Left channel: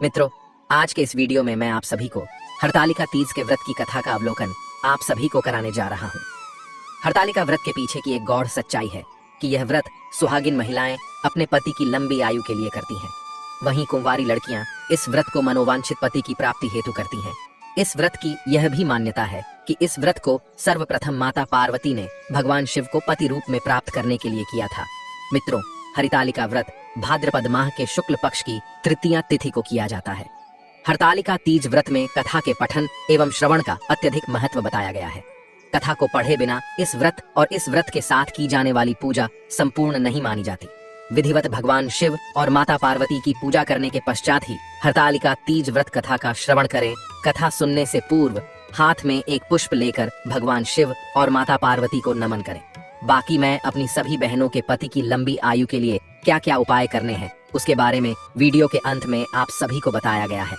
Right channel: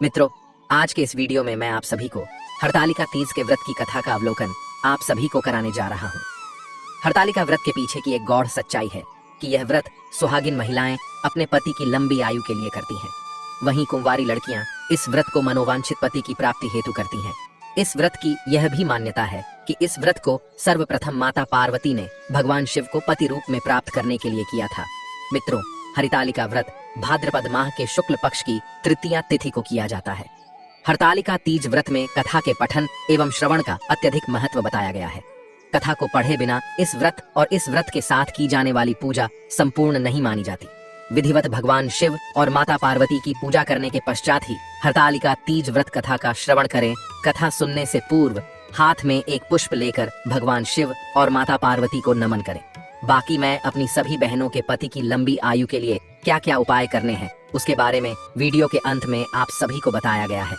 मित्रों, आज के इस वीडियो में मैं आप सभी को हरतालिका तीज के व्रत की कथा का अवलोकन आप सभी को कराने जा रहा हूँ। हरतालिका व्रत के पीछे की एक गौड़ सच्चाई है कि यह व्रत सुहागिन महिलाएं अपने पति की लंबी आयु के लिए करती हैं। वहीं कुंवारी लड़कियां इस व्रत को मनोवांछित पति की प्राप्ति हेतु करती हैं। इस व्रत की यह भी मान्यता है कि इस व्रत को सर्वप्रथम माता पार्वती ने भगवान शिव को पति रूप में प्राप्त करने के लिए किया था। मित्रों, हरितालिका व्रत भाद्रपद माह के शुक्ल पक्ष की तृतीया तिथि को किया जाता है। हरतालिका तीज व्रत में कथा के पठन एवं श्रवण का अत्यधिक महत्व बताया गया है। कथा को पढ़े बिना इस व्रत और इस व्रत के साथ की जाने वाली पूजा संपूर्ण नहीं मानी जाती। विधिवत भगवान शिव और माता पार्वती की पूजा करने के पश्चात ही हरतालिका तीज व्रत कथा का श्रवण करें। कथा सुनने से पूर्व हाथ में एक पुष्प लेकर भगवान शिव और माता पार्वती को नमन करें। बाकी मैं अपनी सभी बहनों के पति की लंबी आयु के लिए क्या क्या उपाय करने हैं उसके बारे में वीडियो के अंत में आप सभी को बताया गया है।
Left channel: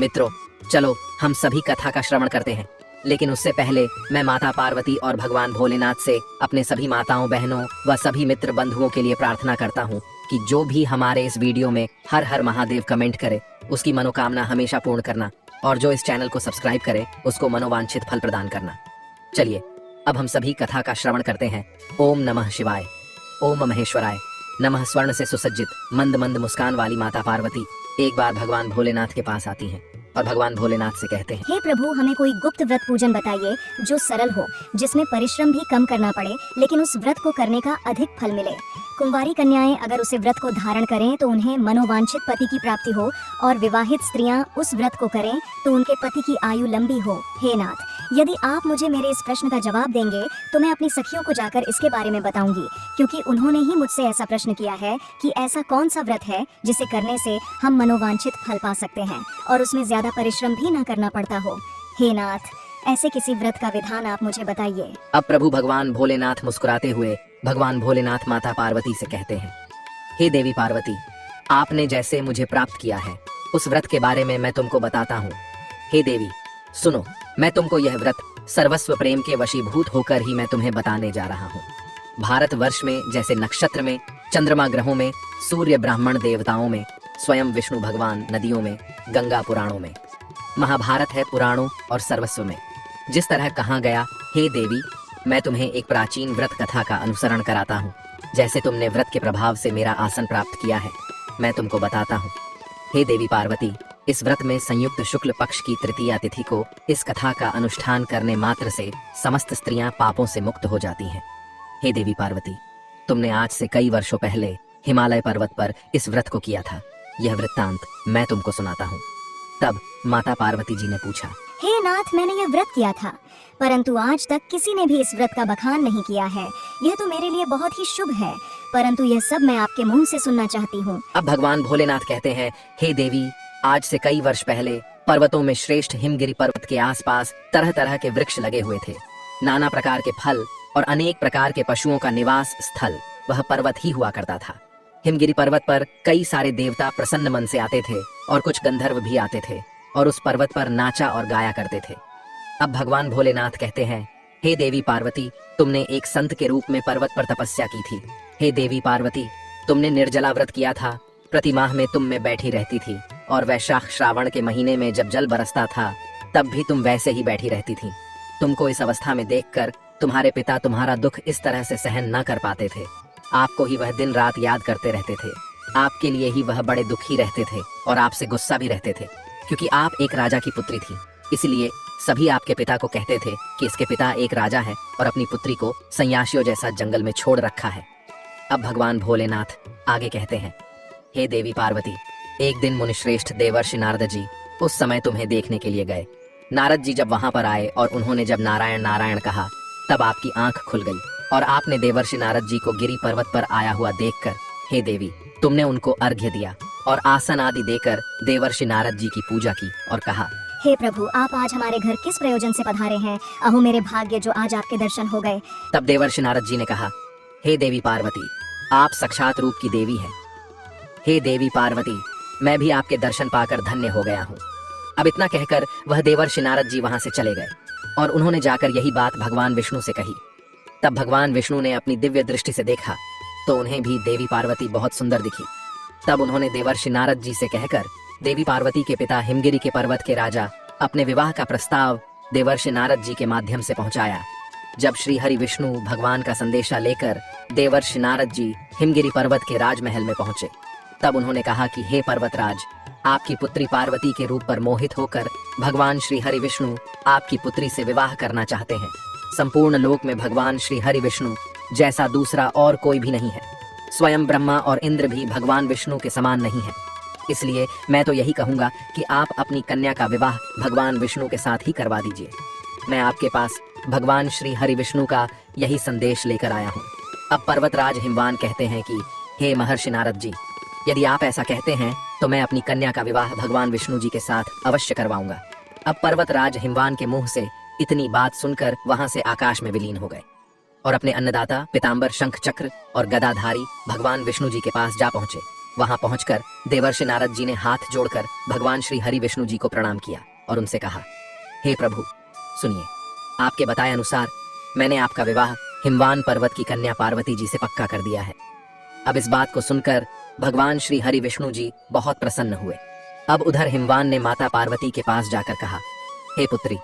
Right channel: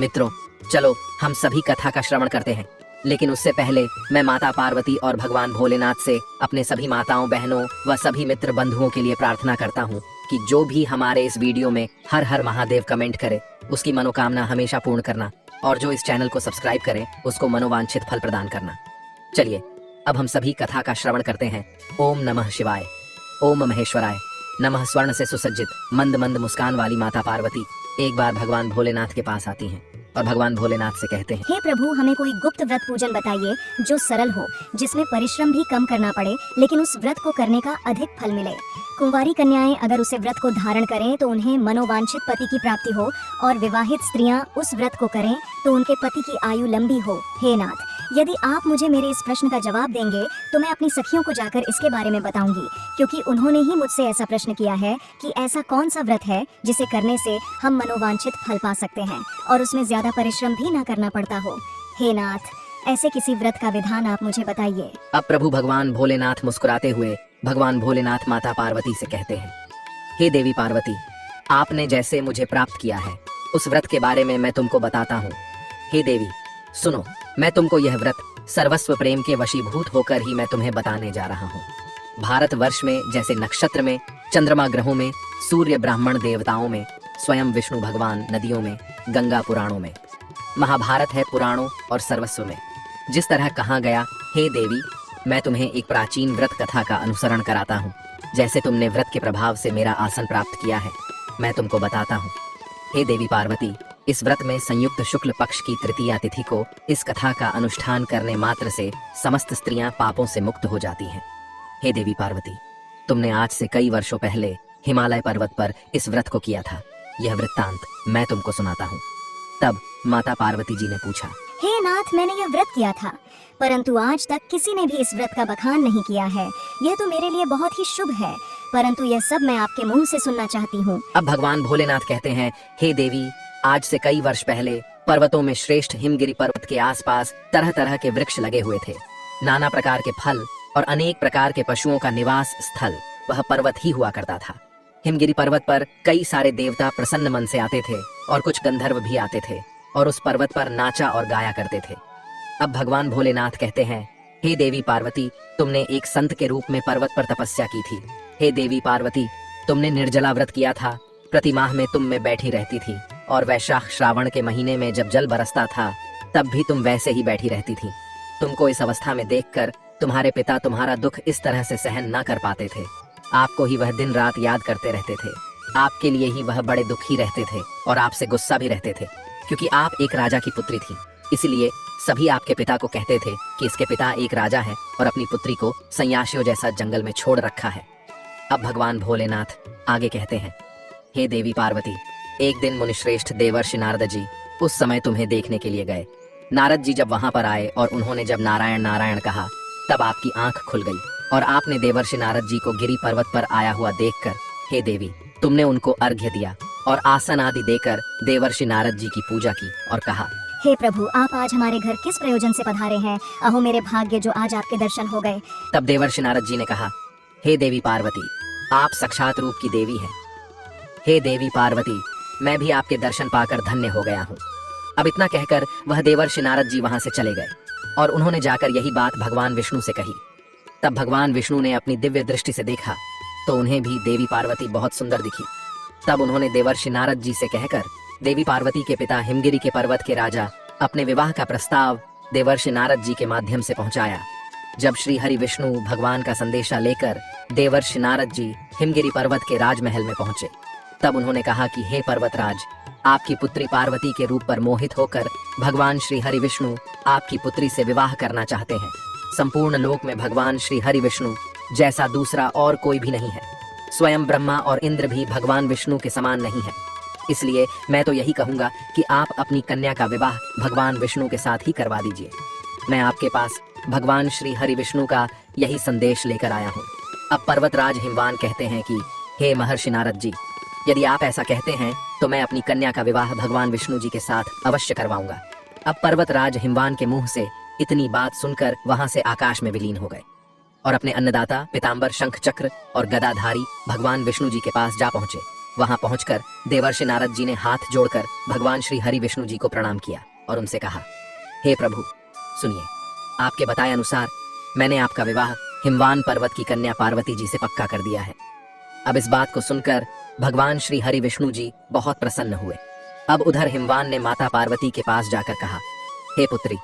मित्रों, चलो हम सभी कथा का श्रवण करते हैं, लेकिन उससे पहले मैं माता पार्वती और भगवान भोलेनाथ से अपने सभी माताओं, बहनों व सभी मित्र बंधुओं के लिए प्रार्थना करता हूँ कि जो भी हमारे इस वीडियो में हर हर महादेव कमेंट करे उसकी मनोकामना हमेशा पूर्ण करना, और जो इस चैनल को सब्सक्राइब करे उसको मनोवांछित फल प्रदान करना। चलिए अब हम सभी कथा का श्रवण करते हैं। ओम नमः शिवाय। ओम महेश्वराय नमः। स्वर्ण से सुसज्जित मंद मंद मुस्कान वाली माता पार्वती एक बार भगवान भोलेनाथ के पास आती हैं और भगवान भोलेनाथ से कहते हैं, हे प्रभु, हमें कोई गुप्त व्रत पूजन बताइए जो सरल हो, जिसमें परिश्रम भी कम करना पड़े लेकिन उस व्रत को करने का अधिक फल मिले। कुंवारी कन्याएं अगर उसे व्रत को धारण करें तो उन्हें मनोवांछित पति की प्राप्ति हो, और विवाहित स्त्रियां उस व्रत को करें तो उनके पति की आयु लंबी हो। हे नाथ, यदि आप मुझे मेरे इस प्रश्न का जवाब देंगे तो मैं अपनी सखियों को जाकर इसके बारे में बताऊंगी, क्योंकि उन्होंने ही मुझसे ऐसा प्रश्न किया है कि ऐसा कौन सा व्रत है जिसे करने से हम मनोवांछित फल पा सकते हैं और उसमें ज्यादा परिश्रम भी न करना पड़ता हो। हे नाथ, ऐसे किसी व्रत का विधान आप मुझे बताइए। अब प्रभु भगवान भोलेनाथ मुस्कुराते हुए भगवान भोलेनाथ माता पार्वती से कहते हैं, हे देवी पार्वती, आपने जैसे मुझे प्राप्त किया है उस व्रत के बारे में मैं तुमको बताता हूँ। हे देवी सुनो, मैं तुमको यह व्रत सर्वस्व प्रेम के वशीभूत होकर ही मैं तुम्हें बताने जा रहा हूँ। भारतवर्ष में जैसे नक्षत्र में, चंद्रमा ग्रहों में, सूर्य ब्राह्मण देवताओं में, स्वयं विष्णु भगवान नदियों में, गंगा पुराणों में, महाभारत है पुराणों और सर्वस्व में, जिस तरह कहा गया, हे देवी मैं तुम्हें एक प्राचीन व्रत कथा का अनुसरण कराता हूँ। जैसे तुमने व्रत के प्रभाव से मेरा आसन प्राप्त किया है, मैं तुमको बताता हूँ। हे देवी पार्वती, इस व्रत में संयुक्त शुक्ल पक्ष की तृतीया तिथि को इस कथा का अनुष्ठान करने मात्र से समस्त स्त्रियां पापों से मुक्त हो जाती हैं। हे देवी पार्वती, तुमने आज से कई वर्षों पहले हिमालय पर्वत पर इस व्रत को किया था। यह वृत्तांत मैं तुमको सुनाता हूँ। तब माता पार्वती जी ने पूछा, हे नाथ, मैंने यह व्रत किया था, परंतु आज तक किसी ने भी इस व्रत का बखान नहीं किया है। यह तो मेरे लिए बहुत ही शुभ है, परंतु यह सब मैं आपके मुंह से सुनना चाहती हूँ। अब भगवान भोलेनाथ कहते हैं, हे देवी, आज से कई वर्ष पहले पर्वतों में श्रेष्ठ हिमगिरी पर्वत के आसपास तरह तरह के वृक्ष लगे हुए थे। नाना प्रकार के फल और अनेक प्रकार के पशुओं का निवास स्थल वह पर्वत ही हुआ करता था। हिमगिरी पर्वत पर कई सारे देवता प्रसन्न मन से आते थे और कुछ गंधर्व भी आते थे और उस पर्वत पर नाचा और गाया करते थे। अब भगवान भोलेनाथ कहते हैं, हे देवी पार्वती, तुमने एक संत के रूप में पर्वत पर तपस्या की थी। हे देवी पार्वती, तुमने निर्जला व्रत किया था। प्रति माह में तुम में बैठी रहती थी और वैशाख श्रावण के महीने में जब जल बरसता था तब भी तुम वैसे ही बैठी रहती थी। तुमको इस अवस्था में देखकर तुम्हारे पिता तुम्हारा दुख इस तरह से सहन न कर पाते थे। आपको ही वह दिन रात याद करते रहते थे। आपके लिए ही वह बड़े दुखी रहते थे और आपसे गुस्सा भी रहते थे, क्योंकि आप एक राजा की पुत्री थी। इसलिए सभी आपके पिता को कहते थे कि इसके पिता एक राजा है और अपनी पुत्री को सन्यासियों जैसा जंगल में छोड़ रखा है। अब भगवान भोलेनाथ आगे कहते हैं, हे देवी पार्वती, एक दिन मुनिश्रेष्ठ देवर्षि नारद जी उस समय तुम्हें देखने के लिए गए। नारद जी जब वहां पर आए और उन्होंने जब नारायण नारायण कहा, तब आपकी आंख खुल गई और आपने देवर्षि नारद जी को गिरी पर्वत पर आया हुआ देखकर, हे देवी, तुमने उनको अर्घ्य दिया और आसन आदि देकर देवर्षि नारद जी की पूजा की और कहा, हे प्रभु, आप आज हमारे घर किस प्रयोजन से पधारे हैं? अहो मेरे भाग्य जो आज आपके दर्शन हो गए। तब देवर्षि नारद जी ने कहा, हे देवी पार्वती, आप साक्षात रूप की देवी हैं। हे देवी पार्वती, मैं भी आपके दर्शन पाकर धन्य हो गया हूँ। अब इतना कहकर वह देवर्षि नारद जी वहां से चले गए और उन्होंने जाकर यही बात भगवान विष्णु से कही। तब भगवान विष्णु ने अपनी दिव्य दृष्टि से देखा तो उन्हें भी देवी पार्वती बहुत सुंदर दिखी। तब उन्होंने देवर्षि नारद जी से कहकर देवी पार्वती के पिता हिमगिरी के पर्वत के राजा अपने विवाह का प्रस्ताव देवर्षि नारद जी के माध्यम से पहुंचाया। जब श्री हरि विष्णु भगवान का संदेशा लेकर देवर्षि नारद जी हिमगिरी पर्वत के राजमहल में पहुंचे, तब उन्होंने कहा कि हे पर्वतराज, आपकी पुत्री पार्वती के रूप पर मोहित होकर भगवान श्री हरि विष्णु आपकी पुत्री से विवाह करना चाहते हैं। संपूर्ण लोक में भगवान श्री हरि विष्णु जैसा दूसरा और कोई भी नहीं है। स्वयं ब्रह्मा और इंद्र भी भगवान विष्णु के समान नहीं है। इसलिए मैं तो यही कहूंगा कि आप अपनी कन्या का विवाह भगवान विष्णु के साथ ही करवा दीजिए। मैं आपके पास भगवान श्री हरि विष्णु का यही संदेश लेकर आया हूँ। अब पर्वतराज हिमवान कहते हैं कि हे महर्षि नारद जी, यदि आप ऐसा कहते हैं तो मैं अपनी कन्या का विवाह भगवान विष्णु जी के साथ अवश्य करवाऊंगा। अब पर्वतराज हिमवान के मुंह से इतनी बात सुनकर वहां से आकाश में विलीन हो गए और अपने अन्नदाता पिताम्बर शंख चक्र और गदाधारी भगवान विष्णु जी के पास जा पहुंचे। वहां पहुंचकर देवर्षि नारद जी ने हाथ जोड़कर भगवान श्री हरि विष्णु जी को प्रणाम किया और उनसे कहा, हे प्रभु सुनिए, आपके बताए अनुसार मैंने आपका विवाह हिमवान पर्वत की कन्या पार्वती जी से पक्का कर दिया है। अब इस बात को सुनकर भगवान श्री हरि विष्णु जी बहुत प्रसन्न हुए। अब उधर हिमवान ने माता पार्वती के पास जाकर कहा, हे पुत्री,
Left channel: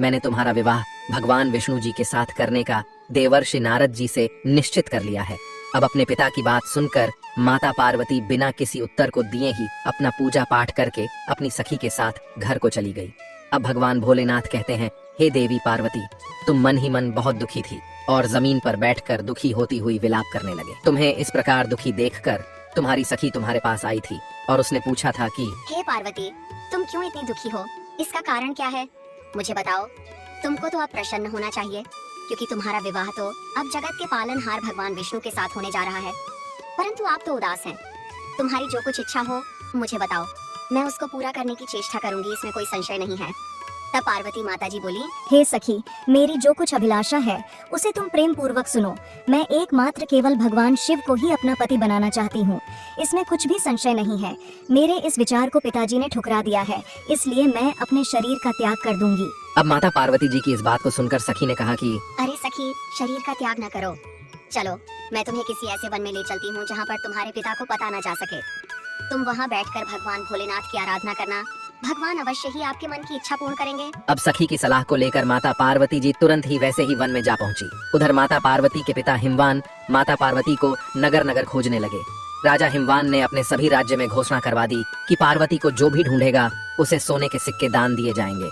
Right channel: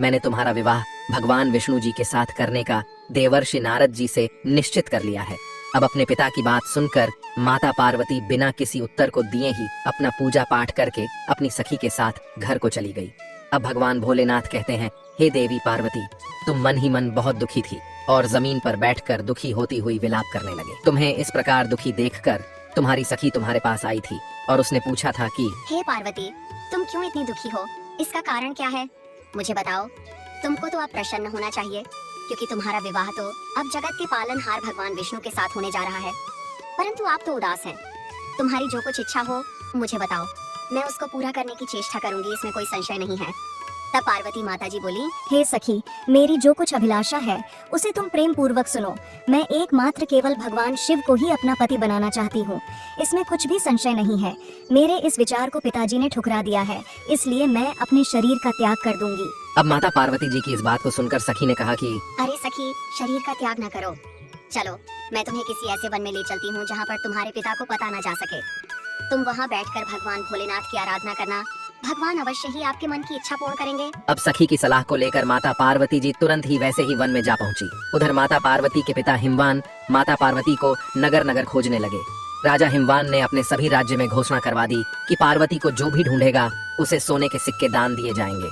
मैंने तुम्हारा विवाह भगवान विष्णु जी के साथ करने का देवर्षि नारद जी से निश्चित कर लिया है। अब अपने पिता की बात सुनकर माता पार्वती बिना किसी उत्तर को दिए ही अपना पूजा पाठ करके अपनी सखी के साथ घर को चली गई। अब भगवान भोलेनाथ कहते हैं, हे देवी पार्वती, तुम मन ही मन बहुत दुखी थी और जमीन पर बैठकर दुखी होती हुई विलाप करने लगे। तुम्हें इस प्रकार दुखी देखकर तुम्हारी सखी तुम्हारे पास आई थी और उसने पूछा था कि हे पार्वती, तुम क्यों इतनी दुखी हो? इसका कारण क्या है? मुझे बताओ। तुमको तो अब प्रसन्न होना चाहिए, क्योंकि तुम्हारा विवाह तो अब जगत के पालनहार भगवान विष्णु के साथ होने जा रहा है। परंतु आप तो उदास हैं। तुम्हारी जो कुछ इच्छा हो मुझे बताओ, मैं उसको पूरा करने की चेष्टा करूंगी, इसमें कोई संशय नहीं है। तब पार्वती माता जी बोली, हे सखी, मेरी जो कुछ अभिलाषा है उसे तुम प्रेम पूर्वक सुनो। मैं एकमात्र केवल भगवान शिव को ही अपना पति बनाना चाहती हूँ, इसमें कुछ भी संशय नहीं है। मेरे इस विचार को पिताजी ने ठुकरा दिया है, इसलिए मैं अपने शरीर का त्याग कर दूंगी। अब माता पार्वती जी की इस बात को सुनकर सखी ने कहा कि अरे सखी, शरीर का त्याग न करो। चलो, मैं तुम्हें किसी ऐसे वन में ले चलती हूँ जहाँ पर तुम्हारे पिता को पता न जा सके। तुम वहाँ बैठकर भगवान भोलेनाथ की आराधना करना, भगवान अवश्य ही आपके मन की इच्छा पूर्ण करेंगे। अब सखी की सलाह को लेकर माता पार्वती जी तुरंत ही वैसे ही वन में जा पहुंची। उधर माता पार्वती के पिता हिमवान माता पार्वती को नगर नगर खोजने लगे। राजा हिमवान ने अपने सभी राज्य में घोषणा करवा दी कि पार्वती को जो भी ढूंढेगा उसे सोने के सिक्के दान दिए जाएंगे।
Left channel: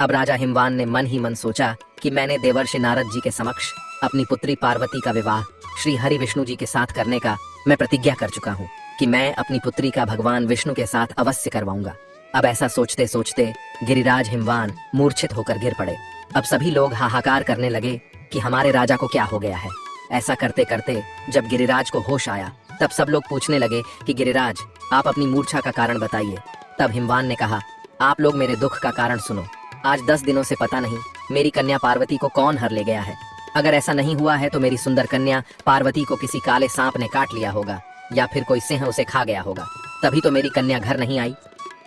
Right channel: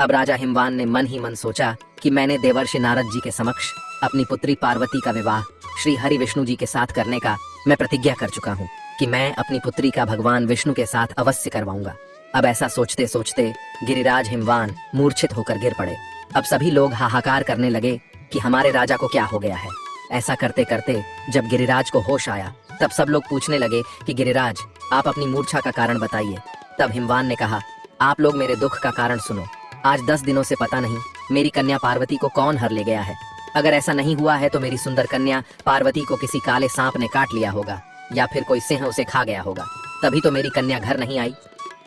अब राजा हिमवान ने मन ही मन सोचा कि मैंने देवर्षि नारद जी के समक्ष अपनी पुत्री पार्वती का विवाह श्री हरि विष्णु जी के साथ करने का मैं प्रतिज्ञा कर चुका हूँ कि मैं अपनी पुत्री का भगवान विष्णु के साथ अवश्य करवाऊंगा। अब ऐसा सोचते सोचते गिरिराज हिमवान मूर्छित होकर गिर पड़े। अब सभी लोग हाहाकार करने लगे कि हमारे राजा को क्या हो गया है। ऐसा करते करते जब गिरिराज को होश आया, तब सब लोग पूछने लगे कि गिरिराज, आप अपनी मूर्छा का कारण बताइए। तब हिमवान ने कहा, आप लोग मेरे दुख का कारण सुनो। आज 10 दिनों से पता नहीं मेरी कन्या पार्वती को कौन हर ले गया है। अगर ऐसा नहीं हुआ है तो मेरी सुंदर कन्या पार्वती को किसी काले सांप ने काट लिया होगा या फिर कोई सिंह उसे खा गया होगा, तभी तो मेरी कन्या घर नहीं आई।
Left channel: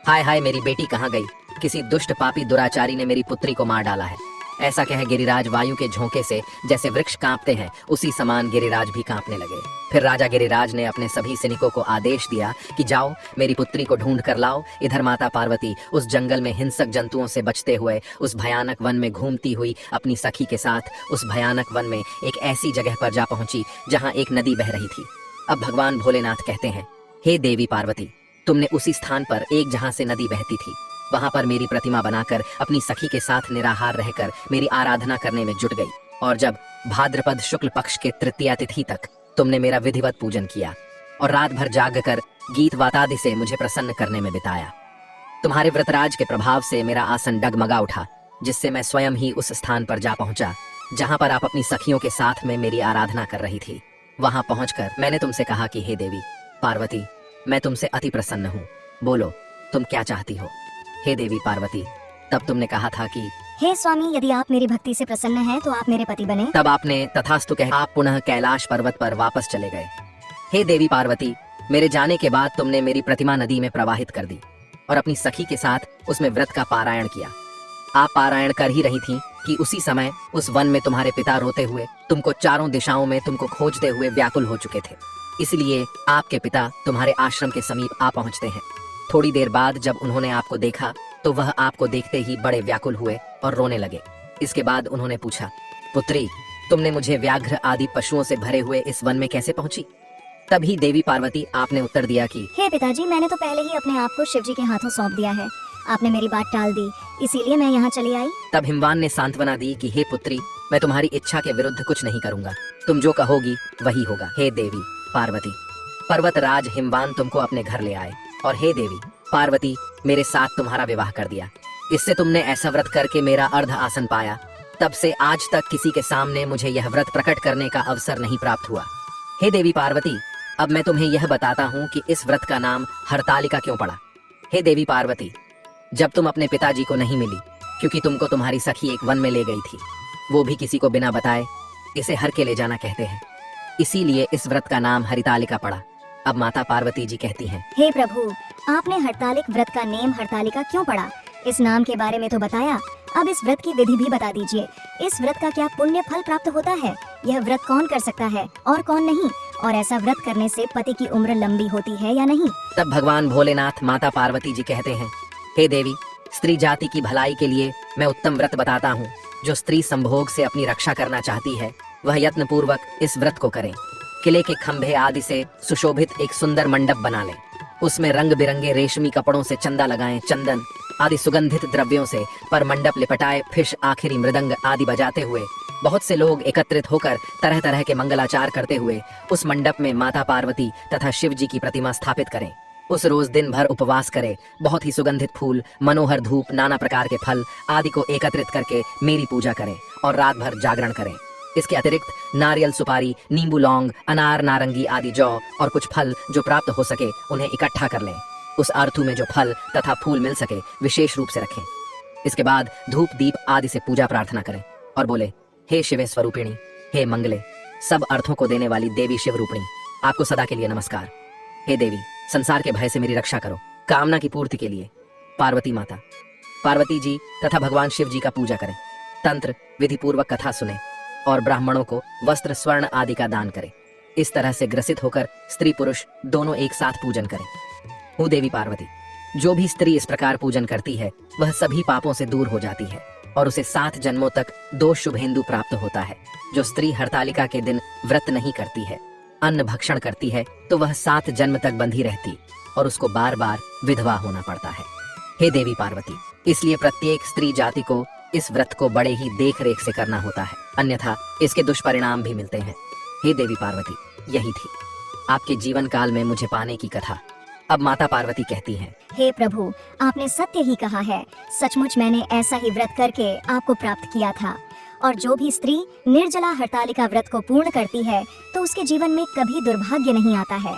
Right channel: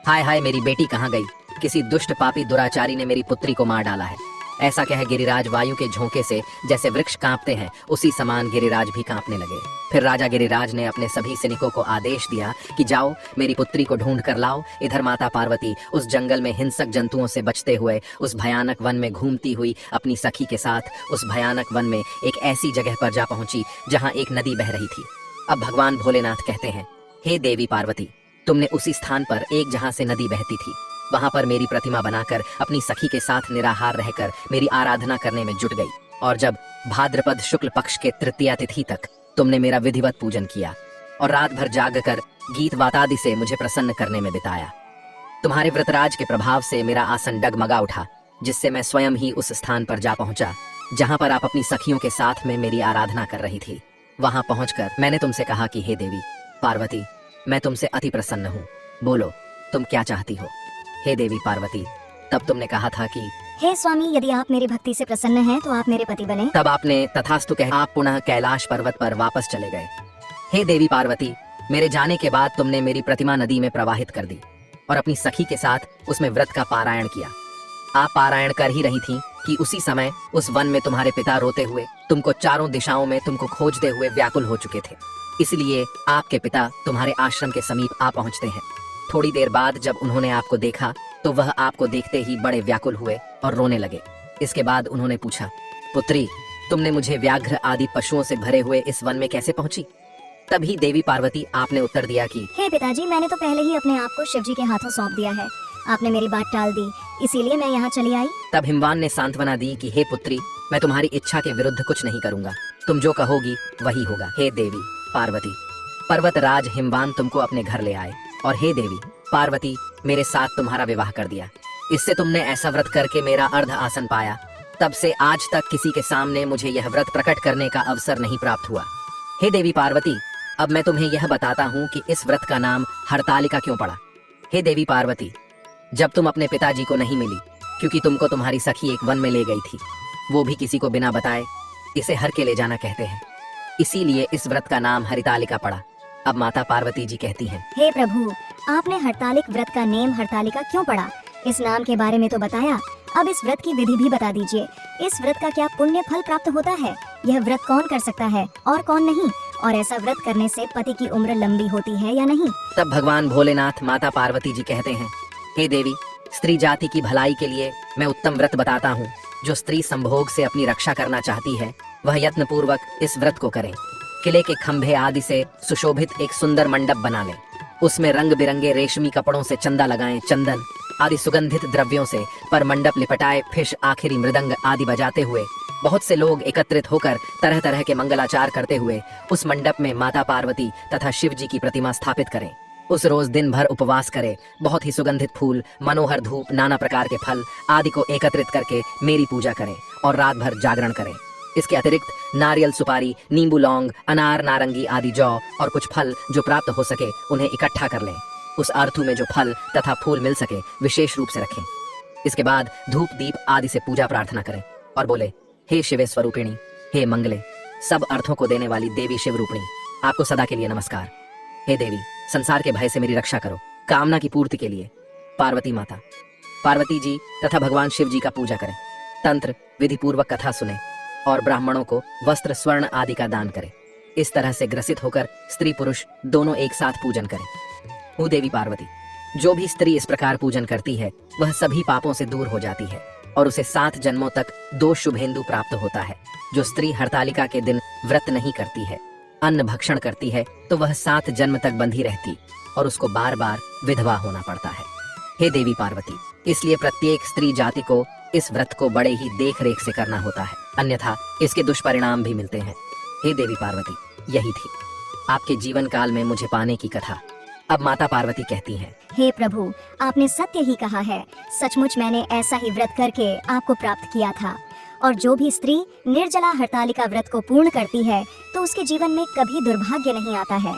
हाय हाय, मेरी बेटी कहाँ गई? किसी दुष्ट पापी दुराचारी ने मेरी पुत्री को मार डाला है। ऐसा कह गिरिराज वायु के झोंके से जैसे वृक्ष कांपते हैं, उसी समान गिरिराज भी कांपने लगे। फिर राजा गिरिराज ने अपने सभी सैनिकों को आदेश दिया कि जाओ, मेरी पुत्री को ढूंढ कर लाओ। इधर माता पार्वती उस जंगल में हिंसक जंतुओं से बचते हुए उस भयानक वन में घूमती हुई अपनी सखी के साथ उस भयानक वन में एक ऐसी जगह पर जा पहुंची जहाँ एक नदी बह रही थी। अब भगवान भोलेनाथ कहते हैं, हे देवी पार्वती, तुमने उसी स्थान पर एक जहाँ से नदी बहती थी, वहाँ पर मेरी प्रतिमा बनाकर अपनी सखी के साथ निराहार रहकर मेरी आराधना करने में जुट गई। और जब भाद्रपद शुक्ल पक्ष के तृतीया तिथि तक तुमने मेरा विधिवत पूजन किया और रात भर जागकर गीत वातादि से मुझे प्रसन्न करने में बिताया। तुम्हारे व्रतराज के प्रभाव से मेरा आसन डगमगा उठा, जिससे मैं स्वयं ही उस स्थान पर जा पहुंचा जहाँ पर आप अपनी सखियों के साथ में मेरी आराधना कर रही थी। वहाँ पहुंचकर मैंने तुमसे कहा कि हे देवी पार्वती, मैं तुमसे अति प्रसन्न हूँ, बोलो तुम क्या चाहती हो? हे देवी पार्वती, तब तुमने कहा था कि हे स्वामी, यदि आप मेरी भक्ति से प्रसन्न हैं तो आप मेरे पति बने। तब आपने तथास्तु कह आप पुनः कैलाश पर्वत पर वापस चले गए। हे देवी पार्वती, मेरे जाने के बाद तुमने मेरी प्रतिमा नदी में प्रवाहित कर दी और अपनी सखी के साथ उसमें व्रत का पारायण किया। आप पारायण कर ही रही थी कि उसी समय उस वन में तुम्हारे पिता रोते हुए तुमको चारों दिशाओं में तुमको खोजते हुए व्याकुल हो चुके थे। इसलिए आपके पिता तुम्हारे आश्रम के समीप आ पहुंचते हैं। थोड़ी देर बाद जब उन्होंने आपको देखा तो वह आपको देखते ही बड़े व्याकुल हुए और रोने लगे। इसके बाद उन्होंने पूछा, पुत्री, तुमने मुझे व्याघ्र आदि पशुओं से भरे हुए इस वन में कैसे पहुंची? तभी देवी पार्वती आपने उत्तर दिया कि हे पिताजी, मैंने तो पहले ही अपने आप को शिव जी के हाथों सौंप दिया है। आपने मेरी बात टाल दी, इसीलिए मैं यहाँ चली आई। तब हिमवान ने सांत्वना दी कि हे पुत्री, मैं तुम्हारी इच्छा के विरुद्ध कुछ नहीं करूंगा, तुम जो कहोगी वही होगा। हे देवी पार्वती, पर्वत राज हिमवान तुमको अपने घर ले आए और हे देवी पार्वती, मेरे साथ तुम्हारा विवाह कर दिया। इससे तुमने ऐसा व्रत करके मेरा अर्ध आसन पाया। तब से आज तक किसी के सामने मुझे यह व्रत प्रकट करने का अवसर नहीं प्राप्त हुआ। हे देवी पार्वती, अब मैं तुम्हें यह बताता हूँ कि इस व्रत का नाम हरतालिका क्यों पड़ा। हे देवी पार्वती, जब तुम अपने पिताजी को नहीं मिली, क्योंकि तुमको तुम्हारी सखी एक वन में ले गई थी, वो भी किसी को बिना बताए, इसे हर के ले जाना कहते हैं, इसीलिए इस व्रत का नाम हरितालिका पड़ा। अब माता पार्वती जी कहती हैं, हे प्रभु, आपने हरतालिक व्रत का नेम हरतालिका क्यों पड़ा? इस नाम के बारे में तो बताया, अब इस व्रत की विधि भी बता दीजिए। इस व्रत का क्या पुण्य फल प्राप्त होता है? यह व्रत कौन कर सकता है और कौन नहीं? और ऐसा व्रत करने से पति की उम्र लंबी होती है या नहीं? तब भगवान भोलेनाथ माता पार्वती जी कहते हैं, हे देवी, स्त्री जाति की भलाई के लिए मैं उत्तम व्रत बताता हूँ। जो स्त्री संभोग से अपनी रक्षा करना चाहती है, वह यत्न पूर्वक इस व्रत को करे। किले के खंभे आदि से सुशोभित एक सुंदर मंडप बना ले, उसमें रंग बिरंगे रेशमी कपड़ों से चंदा लगाएं, चंदन आदि सुगंधित द्रव्यों से पर मंडप लिपटाए, फिश आखिरी मृदंग आदि बजाते हुए बहुत से लोग एकत्रित होकर तरह तरह के मंगलाचार करते हुए उस मंडप में माता पार्वती तथा शिव जी की प्रतिमा स्थापित करें। उस रोज दिन भर उपवास करें, बहुत ही सुगंधित फूल, मनोहर धूप, नाना प्रकार के फल आदि को एकत्रित करके मेरी पूजा करें और रात भर जागरण करें। इसके अतिरिक्त नारियल, सुपारी, नींबू, लौंग, अनार, नारंगी आदि जौ और कुछ फल जो प्राप्त हो सके उन्हें इकट्ठा कर लें। उस आरतू में जो फल तथा फूल मिल सके विशेष रूप से रखें। इसके बाद धूप दीप आदि से पूजा प्रार्थना करें और बोले, हे शिवे स्वरूपिणी, हे मंगले, सब अर्थों को देने वाली देवी शिव रूपिणी, आपको सदा के लिए नमस्कार। हे देवी, संसार के भय से मेरी रक्षा करो। कामना की पूर्ति के लिए पार्वती माता, पार्वती जी तथा भगवान शिव जी का पूजा करें। तंत्र विधि पूर्वक कथा सुने और ब्राह्मणों को वस्त्र, स्वर्ण आदि का दान करें। इस तरह से ग्रसित होकर स्त्री पुरुष दोनों एक साथ पूजन करें। हूँ देवी पार्वती, जो भी स्त्री इस प्रकार पूजन करती है वह सभी पापों से दूर हो जाती है और उसे 7 जन्मों तक 2 शुभेंदु प्राप्त होता है। जो स्त्री हरतालिका के दिन व्रत नहीं करती है, अन्न भक्षण करती है, तो वह 7 जन्म तक बंधी रहती और उसको बार बार विधवा होना पड़ता है। हे देवी पार्वती, इसलिए प्रत्येक स्त्री जाति को इस व्रत को बड़े ही देख रेख से करना होता है, अन्यथा इसके दुष्परिणाम भी मिलते हैं। हे देवी पार्वती, यही थी आपके जीवन काल में मुझे पाने की कथा। अब माता पार्वती कहती हैं, हे प्रभु, आपने सत्य ही कहा है। सचमुच मैंने ऐसा ही व्रत करके आपको प्राप्त किया था। और जो भी स्त्री निर्जला हरतालिका व्रत को पूर्ण करती है तो उसके जीवन में कभी दुर्भाग्य नहीं आता है।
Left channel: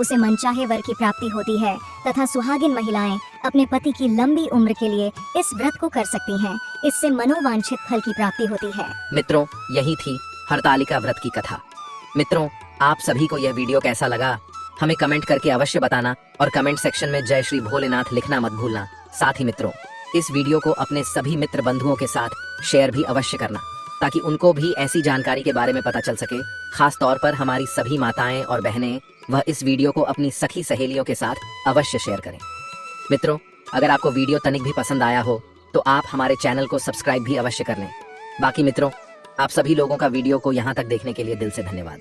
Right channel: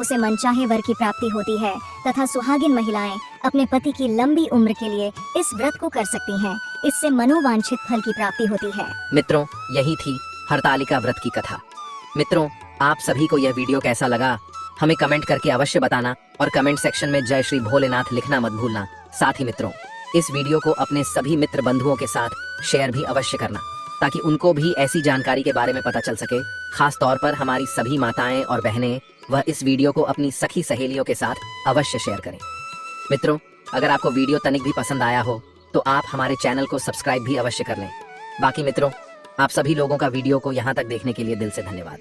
उसे मनचाहे वर की प्राप्ति होती है तथा सुहागिन महिलाएं अपने पति की लंबी उम्र के लिए इस व्रत को कर सकती हैं। इससे मनोवांछित फल की प्राप्ति होती है। मित्रों, यही थी हरतालिका व्रत की कथा। मित्रों, आप सभी को यह वीडियो कैसा लगा हमें कमेंट करके अवश्य बताना और कमेंट सेक्शन में जय श्री भोलेनाथ लिखना मत भूलना। साथ ही मित्रों, इस वीडियो को अपने सभी मित्र बंधुओं के साथ शेयर भी अवश्य करना ताकि उनको भी ऐसी जानकारी के बारे में पता चल सके। खास तौर पर हमारी सभी माताएं और बहनें वह इस वीडियो को अपनी सखी सहेलियों के साथ अवश्य शेयर करें। मित्रों, अगर आपको वीडियो तनिक भी पसंद आया हो तो आप हमारे चैनल को सब्सक्राइब भी अवश्य कर लें। बाकी मित्रों, आप सभी लोगों का वीडियो को यहाँ तक देखने के लिए दिल से धन्यवाद।